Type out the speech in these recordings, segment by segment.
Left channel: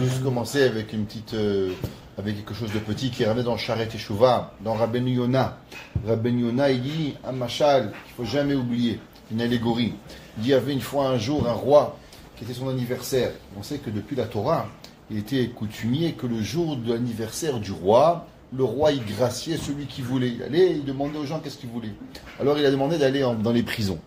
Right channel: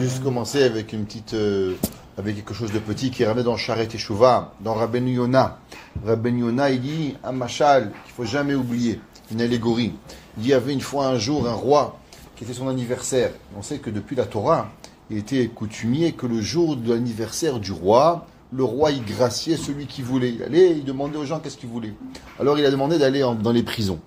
juste commencer avec une petite, avec quelque chose de petit qui ramène dans Sharet Teshuvah, dans Rabbeinu Yonah. Rabbeinu Yonah, il dit un machal qu'il faut jamais oublier, une allégorie. Il dit, il y avait une fois un jour un roi qui était son anniversaire. On sait que depuis la Torah, il était coutumier que le jour de l'anniversaire du roi, le roi il graciait celui qui voulait. Il allait, il demandait aux gens qu'est-ce qu'ils voulaient. Alors il a demandé d'aller dans les prisons.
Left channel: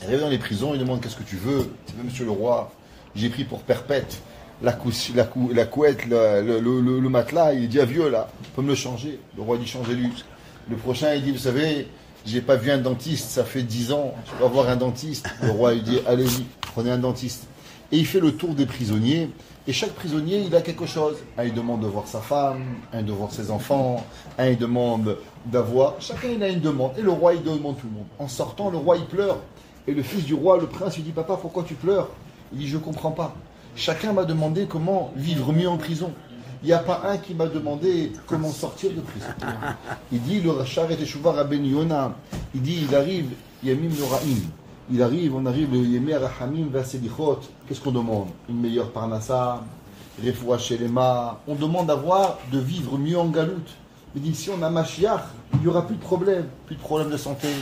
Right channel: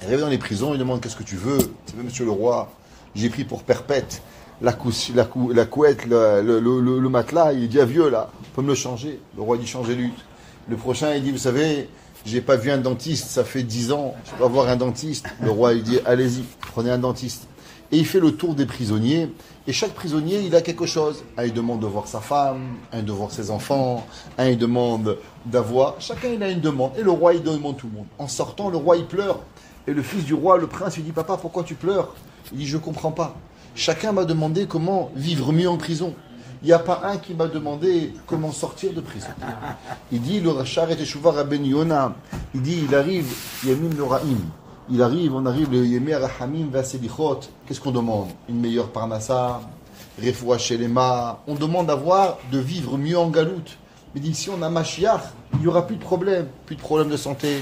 Il arrive dans les prisons, il demande qu'est-ce que tu veux. C'est monsieur le roi, j'ai pris pour perpète la couette, le matelas. Il dit ah vieux là, on peut me le changer. Le roi dit changez-lui. Le prochain il dit vous savez, j'ai pas vu un dentiste, ça fait 10 ans, je dois voir un dentiste. Le roi il dit allez-y, prenez un dentiste. Et il fait le tour des prisonniers. Et chaque prisonnier, il a quelque chose. Un, il demande de voir sa femme, un de voir ses enfants, un, il demande d'avoir... Chacun, il a une demande. Et le roi, il demande tout le monde. En sortant, le roi, il pleure. Et le fils du roi, le prince, il dit, papa, pourquoi tu pleures? Il dit, je ne comprends pas. Chacun m'a demandé comment vivre mieux en prison. Il n'y a pas un qui m'a demandé comment sortir de prison. Il dit, le Sharet Teshuvah Rabbeinu Yonah, il dit, il arrive, Yamim Noraim. Il arrive, on arrive, le Yemei Rahamim Vaselichot. Qu'est-ce qu'on demande? Une meilleure parnassa, Refoua Shelema. On demande de vivre mieux en galoute. Il dit, si on a Mashiach, il n'y aura plus de problème. Plus de problème de santé,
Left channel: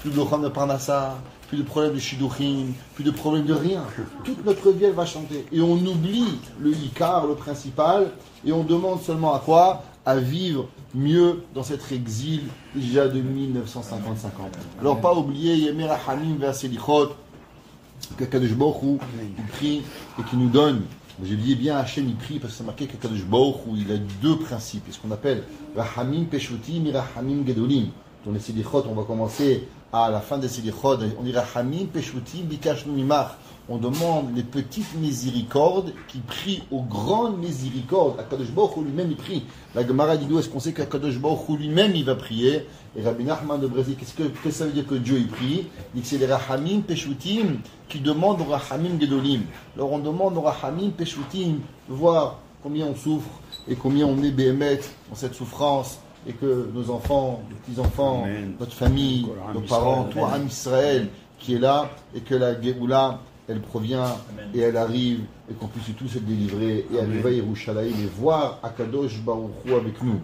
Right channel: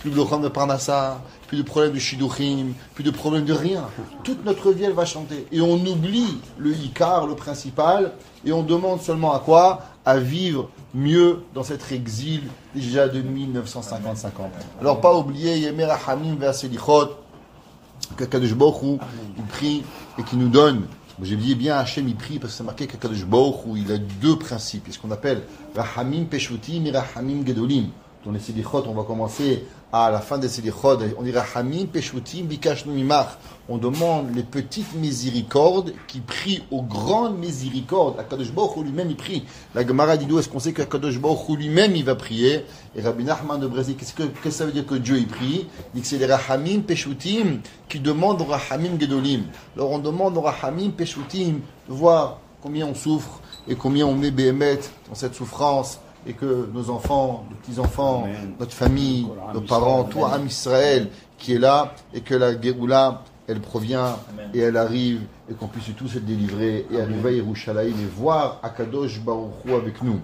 plus de problème de parnassa, plus de problème de shidduchim, plus de problème de rien. Toute notre vie, elle va chanter. Et on oublie le Ikar, le principal, et on demande seulement à quoi? À vivre mieux dans cet exil déjà de 1955 ans. Alors pas oublier Yemei Rahamim Vaselichot, que Kadosh Baruch Hu, il prie et qui nous donne. J'ai dit bien Hachem il prie parce que c'est marqué que Kadosh Baruch Hu, il a deux principes, ce qu'on appelle Rahamim Peshutim et Rahamim Gedolim. Dans les Selichot, on va commencer à la fin des Selichot, on dit Rahamim Peshutim Bikashnu Mimach. On demande les petites miséricordes qui prient aux grandes miséricordes. Akadosh Baruch Hu lui-même il prie. La Gemara dit d'où est-ce qu'on sait qu'Akadosh Baruch Hu lui-même il va prier. Et Rabbi Nachman de Brésil, qu'est-ce que ça veut dire que Dieu il prie? Il dit que c'est les Rahamim Peshutim qui demandent aux Rahamim Gedolim. Alors on demande aux Rahamim Peshutim de voir combien on souffre et combien on est béhémet dans cette souffrance. Et que nos enfants, nos petits-enfants, notre famille, nos parents, tout Am Israël qui est là, et que la Géoula, elle provient et elle arrive, et qu'on puisse tous être délivrés et arriver à Yerushalayim et voir Akadosh Baruch Hu avec nous.